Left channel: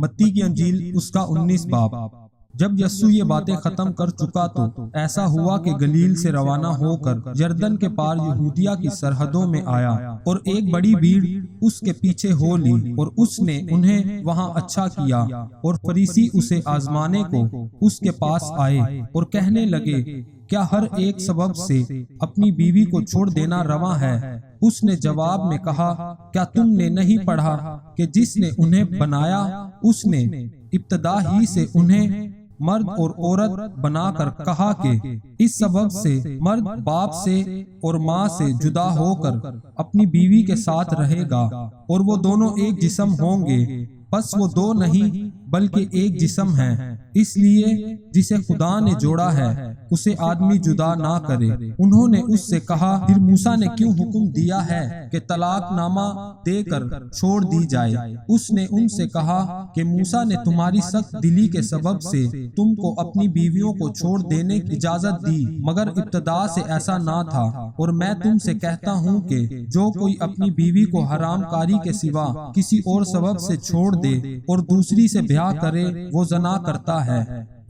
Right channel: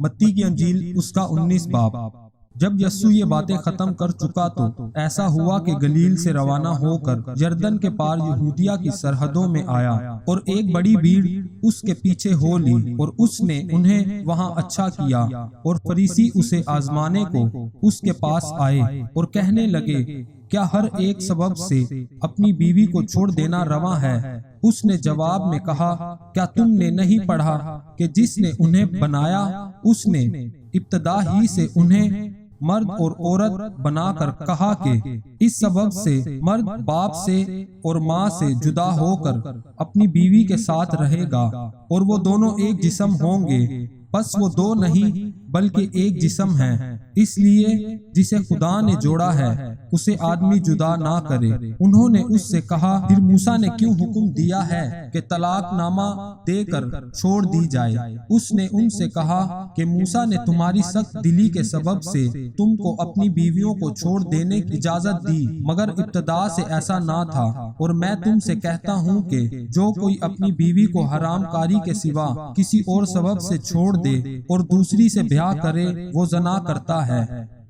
متی کی انجیل اس کا 19 باب۔ جب یسوع یہ باتیں ختم کر چکا تو ایسا ہوا کہ گلیل سے روانہ ہو کر یردن کے پار یہودیہ کی سرحدوں میں آیا، اور ایک بڑی بھیڑ اس کے پیچھے ہو لی، اور اس نے انہیں وہاں اچھا کیا۔ اور فریسی اسے آزمانے کو اس کے پاس آئے اور کہنے لگے، کیا ہر ایک سبب سے اپنی بیوی کو چھوڑ دینا روا ہے؟ اس نے جواب میں کہا، کیا تم نے نہیں پڑھا کہ جس نے انہیں بنایا اس نے ابتدا ہی سے انہیں مرد اور عورت بنا کر کہا کہ اس سبب سے مرد باپ سے اور ماں سے جدا ہو کر اپنی بیوی کے ساتھ رہے گا، اور وہ دونوں ایک جسم ہوں گے۔ بس وہ دو نہیں بلکہ ایک جسم ہیں۔ اس لیے جسے خدا نے جوڑا ہے اسے آدمی جدا نہ کرے۔ انہوں نے اس سے کہا، پھر موسیٰ نے کیوں حکم دیا ہے کہ طلاق نامہ دے کر چھوڑ دی جائے؟ اس نے ان سے کہا کہ موسیٰ نے تمہاری سخت دلی کے سبب سے تم کو اپنی بیویوں کو چھوڑ دینے کی اجازت دی، مگر ابتدا سے ایسا نہ تھا۔ اور میں تم سے کہتا ہوں کہ جو کوئی اپنی بیوی کو حرام کاری کے سوا کسی اور سبب سے چھوڑ دے اور دوسری سے بیاہ کرے وہ زنا کرتا ہے،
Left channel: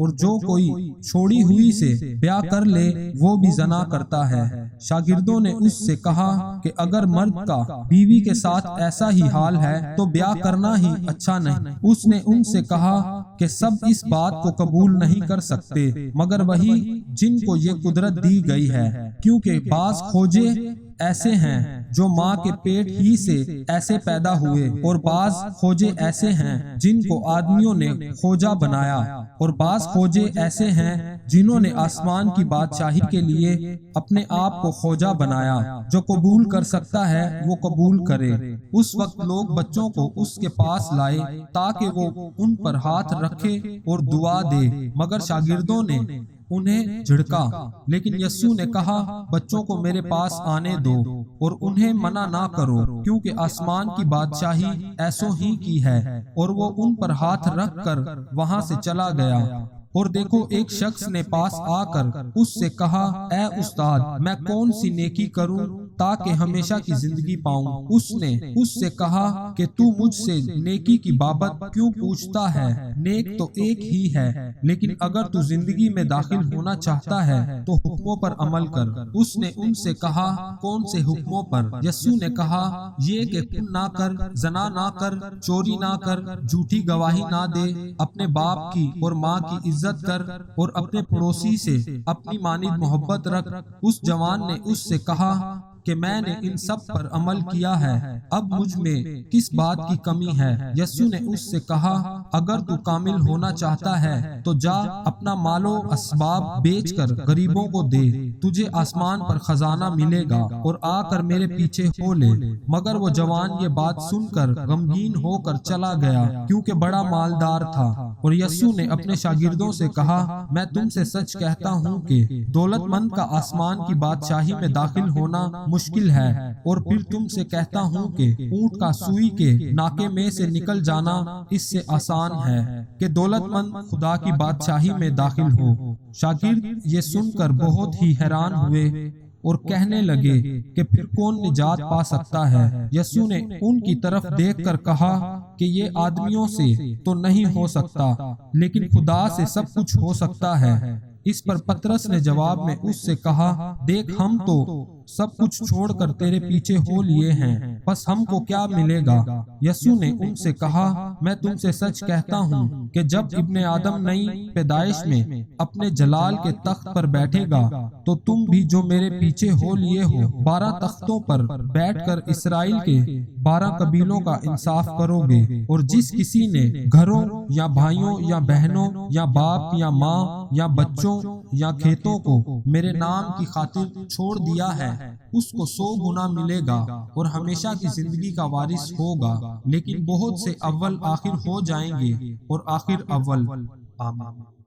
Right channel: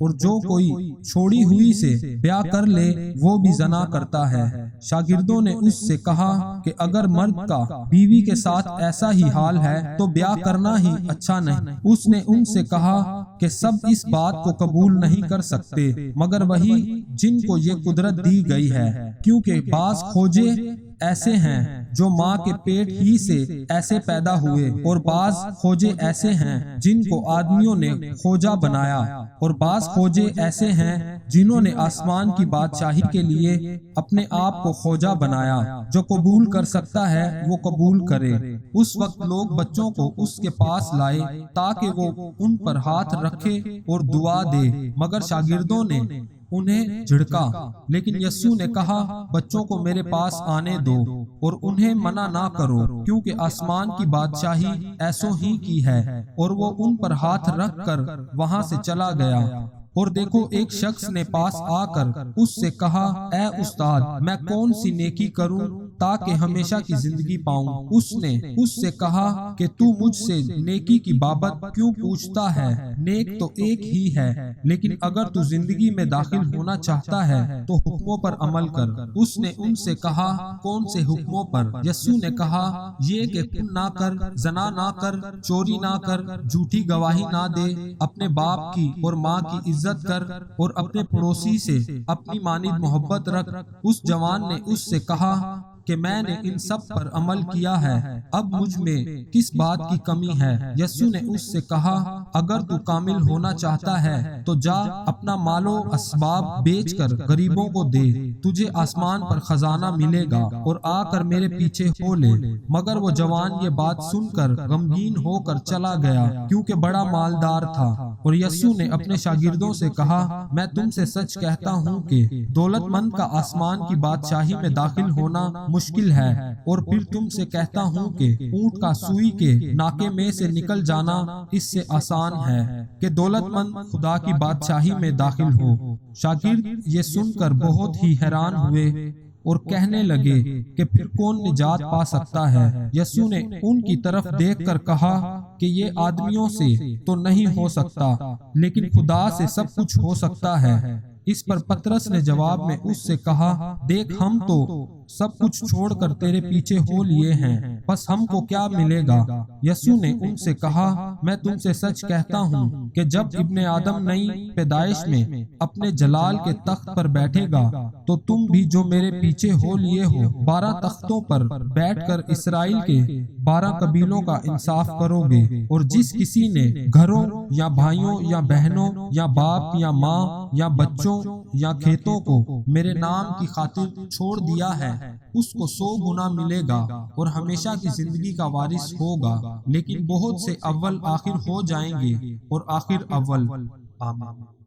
اور جو کوئی چھوڑی ہوئی سے بیاہ کر لے وہ بھی زنا کرتا ہے۔ شاگردوں نے اس سے کہا کہ اگر مرد کا بیوی کے ساتھ ایسا ہی حال ہے تو بیاہ کرنا ہی اچھا نہیں۔ اس نے ان سے کہا کہ سب اس بات کو قبول نہیں کر سکتے مگر وہی جن کو یہ قدرت دی گئی ہے، کیونکہ بعض کھوجے ایسے ہیں جو ماں کے پیٹ ہی سے ایسے پیدا ہوئے، اور بعض کھوجے ایسے ہیں جن کو آدمیوں نے کھوجا بنایا، اور بعض کھوجے ایسے ہیں جنہوں نے آسمان کی بادشاہی کے لیے اپنے آپ کو کھوجا بنایا۔ جو قبول کر سکتا ہے وہ قبول کرے۔ اس وقت لوگ بچوں کو اس کے پاس لائے تاکہ وہ ان پر ہاتھ رکھے اور دعا دے، مگر شاگردوں نے انہیں جھڑکا۔ لیکن یسوع نے کہا، بچوں کو میرے پاس آنے دو اور انہیں منع نہ کرو، کیونکہ آسمان کی بادشاہی ایسوں ہی کی ہے۔ اور وہ ان پر ہاتھ رکھ کر وہاں سے چلا گیا۔ اور دیکھو، ایک شخص نے پاس آ کر اس سے کہا، اے استاد، میں کون سی نیکی کروں تاکہ ہمیشہ کی زندگی پاؤں؟ اس نے اس سے کہا کہ تو مجھ سے نیکی کی بابت کیوں پوچھتا ہے؟ نیک تو ایک ہی ہے، لیکن اگر تو زندگی میں داخل ہونا چاہتا ہے تو حکموں پر عمل کر۔ اس نے ان سے کہا، کون سے حکموں پر؟ یسوع نے کہا، یہ کہ خون نہ کر، زنا نہ کر، چوری نہ کر، جھوٹی گواہی نہ دے، اپنے باپ کی اور ماں کی عزت کر، اور اپنے پڑوسی سے اپنی مانند محبت رکھ۔ اس جوان نے اس سے کہا کہ میں نے ان سب پر عمل کیا ہے، اب مجھ میں کس بات کی کمی ہے؟ یسوع نے اس سے کہا، اگر تو کامل ہونا چاہتا ہے تو جا اپنا مال و اسباب بیچ کر غریبوں کو دے، تجھے آسمان پر خزانہ ملے گا، اور آ کر میرے پیچھے ہو لے۔ مگر وہ جوان یہ بات سن کر غمگین ہو کر چلا گیا، کیونکہ بڑا مالدار تھا۔ اور یسوع نے اپنے شاگردوں سے کہا، میں تم سے سچ کہتا ہوں کہ دولت مند کا آسمان کی بادشاہی میں داخل ہونا مشکل ہے۔ اور پھر تم سے کہتا ہوں کہ اونٹ کا سوئی کے ناکے میں سے نکل جانا اس سے آسان ہے کہ دولت مند خدا کی بادشاہی میں داخل ہو۔ شاگرد یہ سن کر بہت ہی حیران ہوئے اور کہنے لگے کہ پھر کون نجات پا سکتا ہے؟ یسوع نے ان کی طرف دیکھ کر کہا کہ یہ آدمیوں سے تو نہیں ہو سکتا، لیکن خدا سے سب کچھ ہو سکتا ہے۔ اس پر پطرس نے جواب میں اس سے کہا، دیکھ، ہم تو سب کچھ چھوڑ کر تیرے پیچھے ہو لیے ہیں، بس ہم کو کیا ملے گا؟ یسوع نے ان سے کہا، میں تم سے سچ کہتا ہوں کہ جب ابن آدم نئی پیدائش میں اپنے جلال کے تخت پر بیٹھے گا تو تم بھی جو میرے پیچھے ہو لیے ہو 12 تختوں پر بیٹھ کر اسرائیل کے 12 قبیلوں کا انصاف کرو گے۔ اور جس کسی نے گھروں یا بھائیوں یا بہنوں یا باپ یا ماں یا بچوں یا کھیتوں کو میرے نام کی خاطر چھوڑ دیا ہے، اس کو 100 گنا ملے گا اور ہمیشہ کی زندگی کا وارث ہوگا۔ لیکن بہت سے اول آخر ہو جائیں گے اور آخر اول۔ آمین۔